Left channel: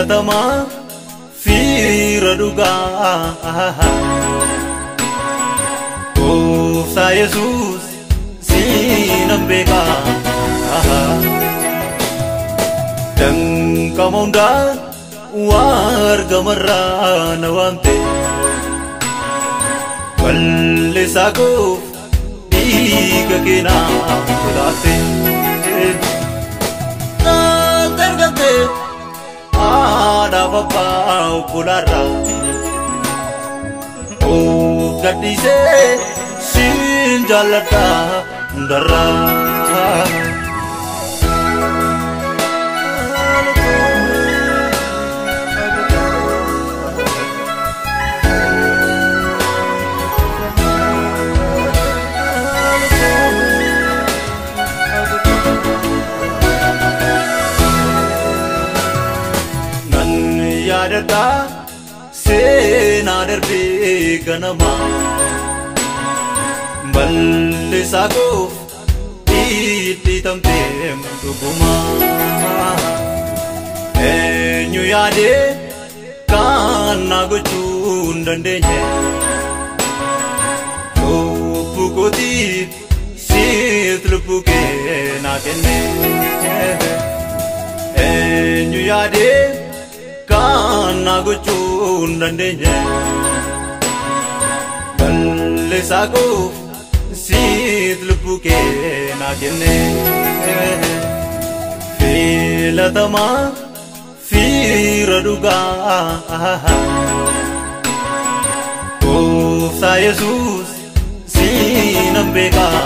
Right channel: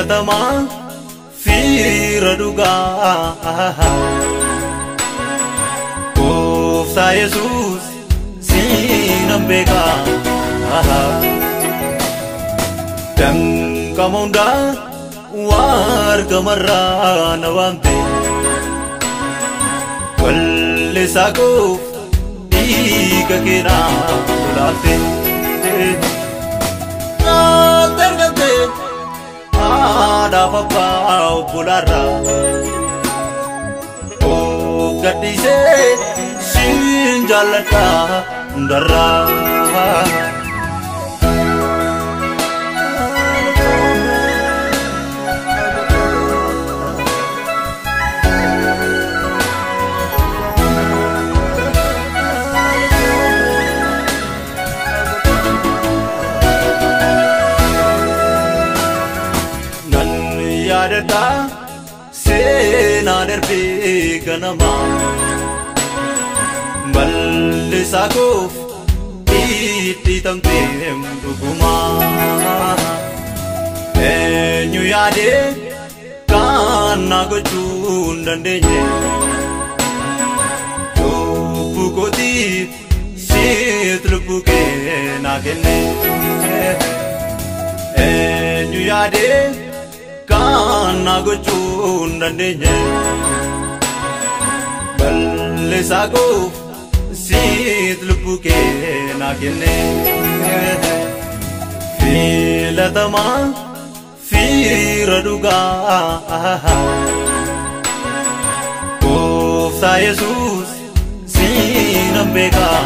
filatamaa fiira dhugaa Gooftaa Yesuus siinan beekaa Danqama hundaa wargamarraa na waamte Wallisaa koof dhiiga keenaa lolaafte Naal dargabde haadhaaf abbaa obbolaarraa Of gadhiisee siin jaalladhaa hundarraa Yaadadha seenaa darbee ganamaa bal'isaa koof dhidhiitamtee dhugumaa eenyu yaadee kan na gochuu hin dandeenye cubbuu kootiif siit lubbuu kee naa kenne eenyu yaadee kan na gochuu hin dandeenye bal'isaa koof siit lubbuu kee naa kenne filatamaa fiira dhugaa Gooftaa Yesuus siinan beekaa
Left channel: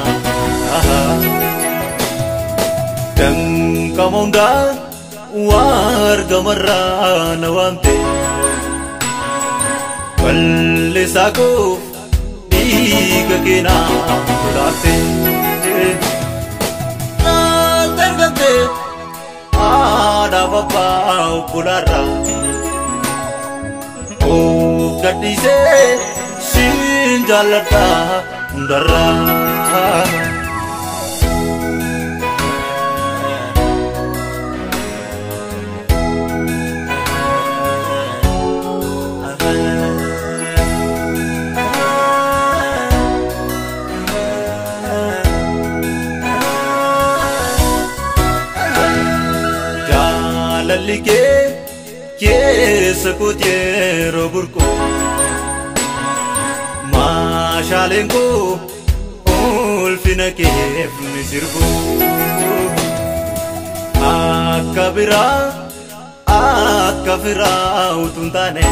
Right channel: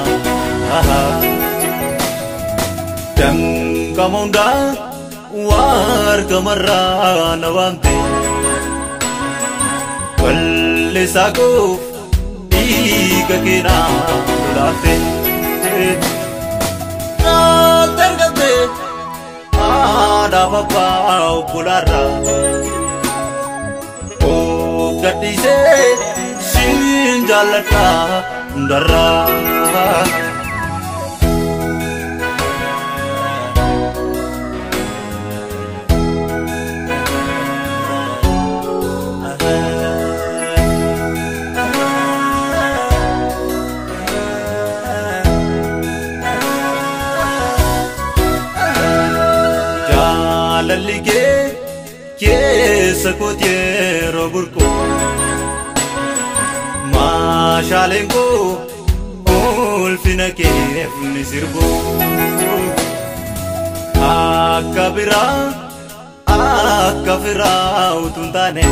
Danqama hundaa wargamarraa na waamte Wallisaa koof dhiiga keenaa lolaafte Naal dargabde haadhaaf abbaa obbolaarraa Of gadhiisee siin jaalladhaa hundarraa Jaalalli kee keessa kooti yeroo burqoo maashaaleen koo ulfina keef ni sirbu akka biraa akka firaa utuu hin taane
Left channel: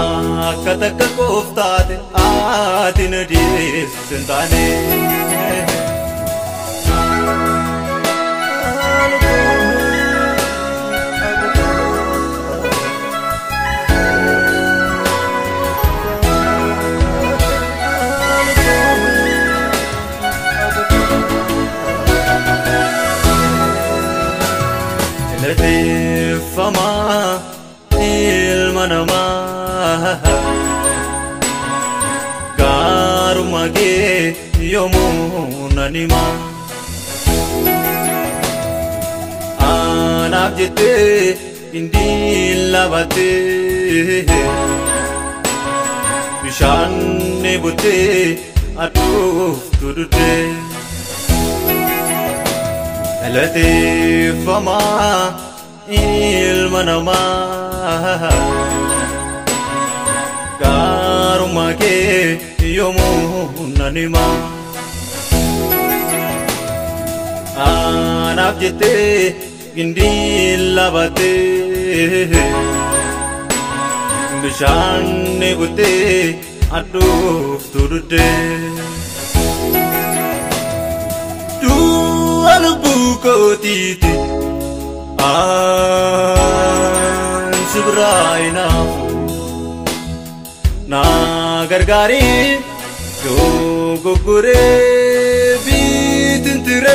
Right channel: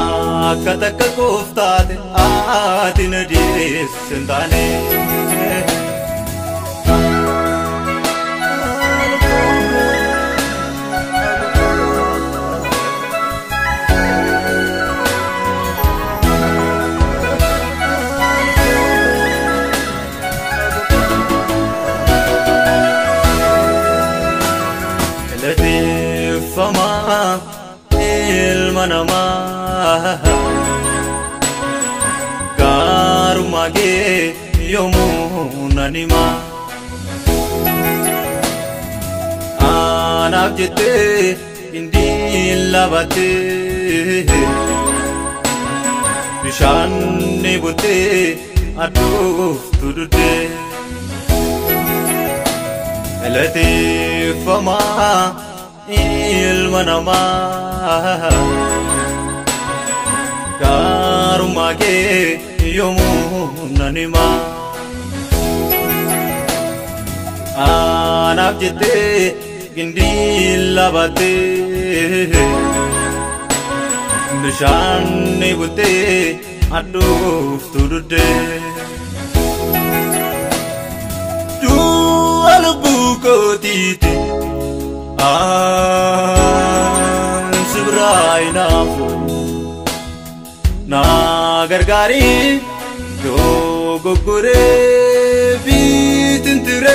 akka takka koof taate ati na deesse hin taane Lateeffamaa ilma namaa gaarummaa kee yoomuu nan himaa anaaf jettee indiin laabattee bishaan bottee adduuftu duddee Lateeffamaa ilma namaa gaarummaa kee yoomuu nan himaa anaaf jettee indiin laabattee bishaan bottee adduuftu duddee lubbuu kootiiti si biraa hinaafu na gargaarii yoo goggoree biitintire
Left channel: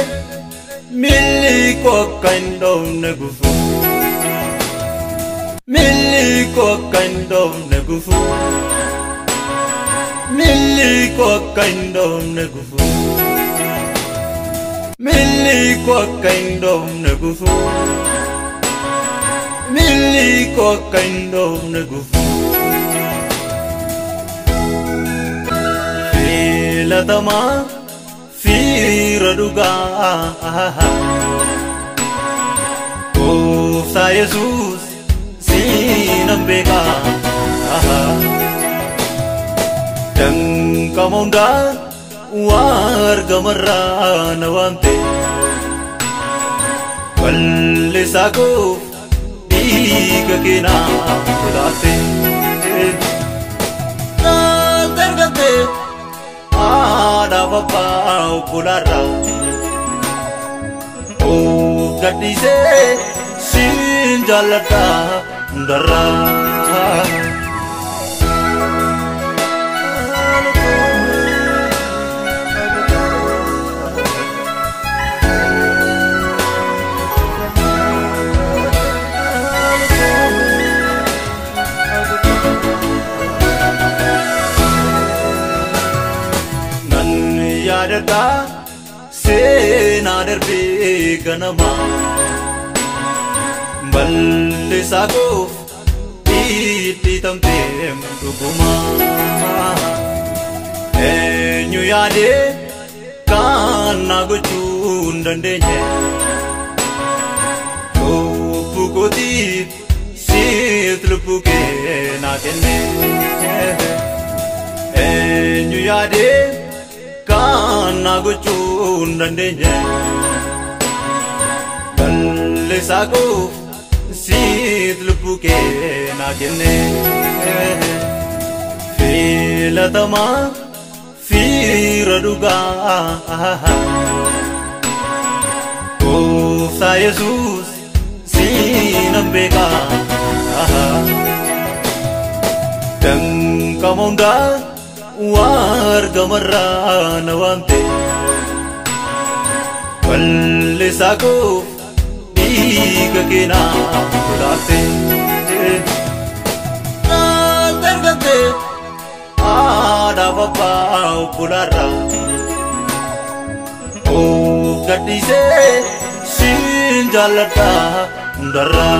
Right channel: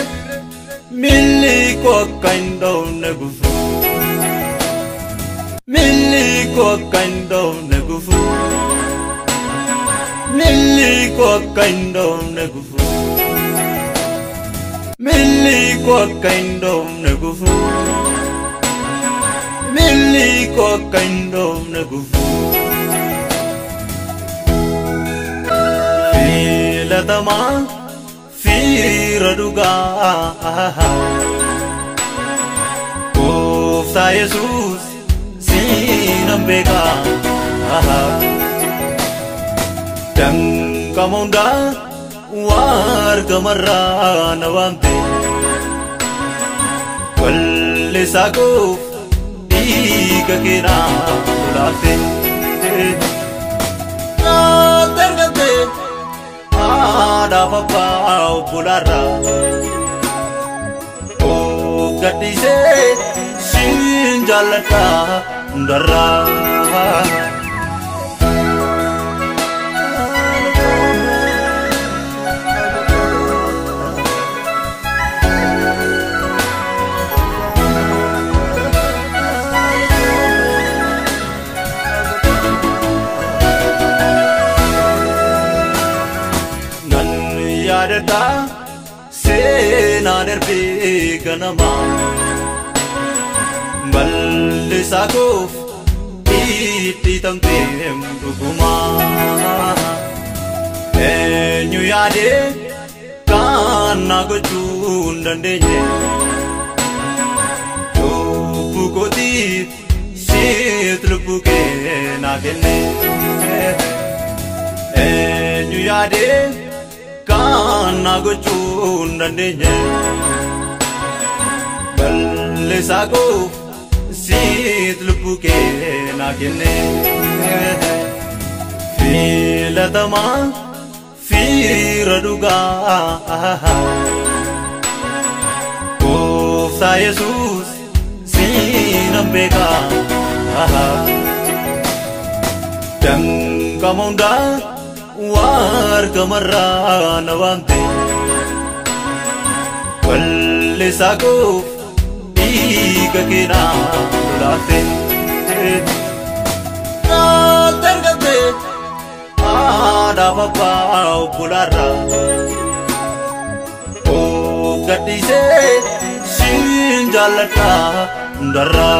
milli koo akka hin dhoofne gufu milli koo akka hin dhoofne gufu milli koo akka hin dhoofne gufu milli koo akka hin dhoofne gufu miliko kaindo nagufu filatama firaduga Kofta Yesus sinambeka dan kamonda warga marana wamte Ballisakuf diga kina tulate Nal tergante ada papa bulara Oh gatise sinjalata darra Nan yadada sena derbi ganama Ballisakuf iti tamtem duguma Enyu yade kana gochun dandenye Chopu gotit sitlupuke nakene Enyu yade kana gochun dandenye Ballisakuf sitlupuke nakene filatama firaduga Kofta Yesus sinambeka dan kamonda warga marana wamte Ballisakuf diga kina tulate Nal tergante ada papa bulara Oh gatise sinjalata darra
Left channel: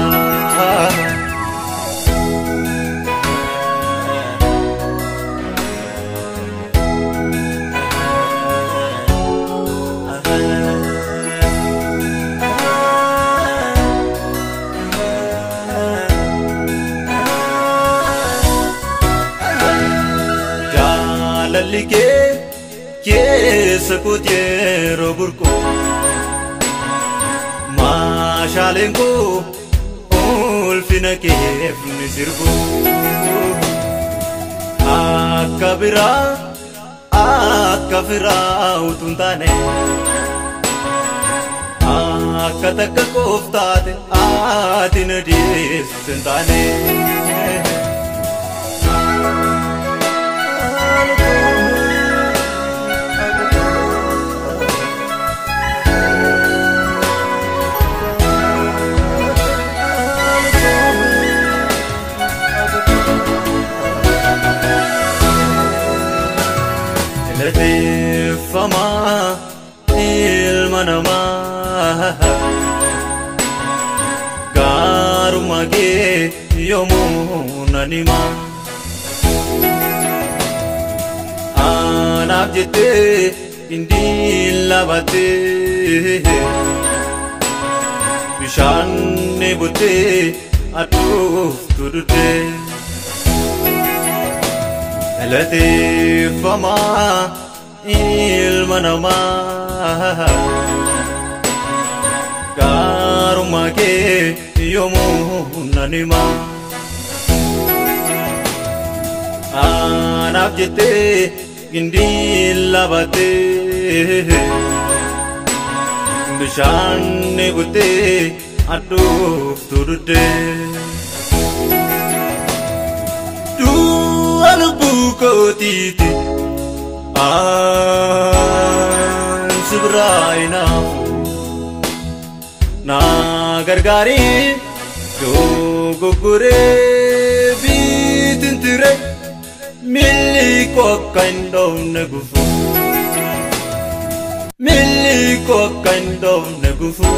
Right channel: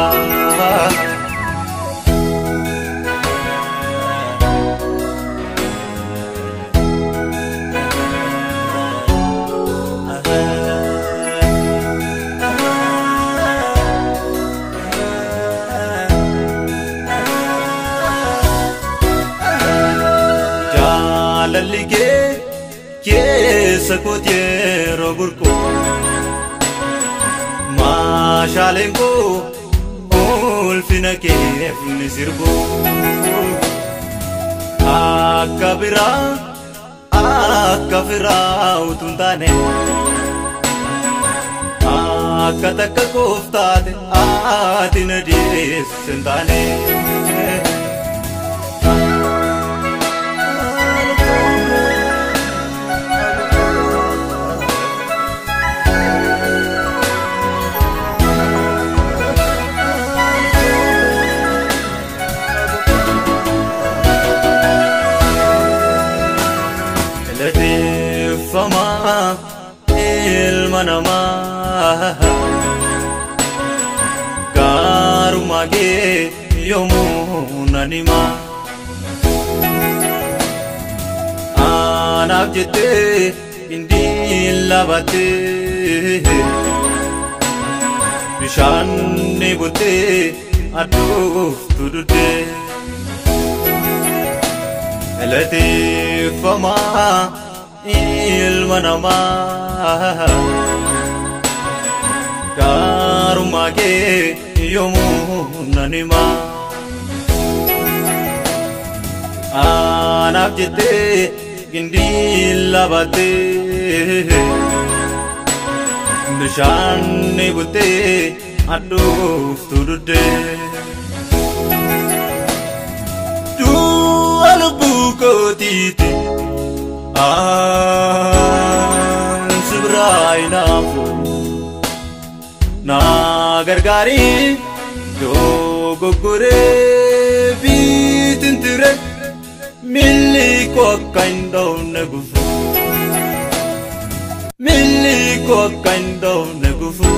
Lalike ke sakutye roburko mashalenko ulfina kef nisirbo akabira akafira utuntane akatakka koftate atinadis sentane Fama ilmanama garumage yomunanima anab jete indilabate bishanne bote atuf tudude elate fama ilmanama garumage yomunanima anab jete indilabate bishanne bote atuf tudude du albuko titi Sibrai nafu na gargari jogo gure bitintire miliko kaindo nagufu miliko kaindo nagufu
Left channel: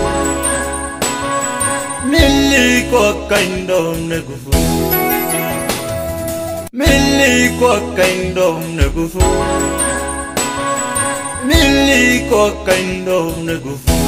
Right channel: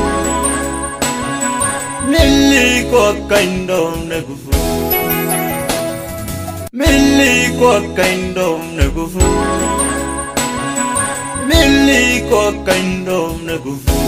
Milli ko kaindom na gufu Milli ko kaindom na gufu Milli ko kaindom na gufu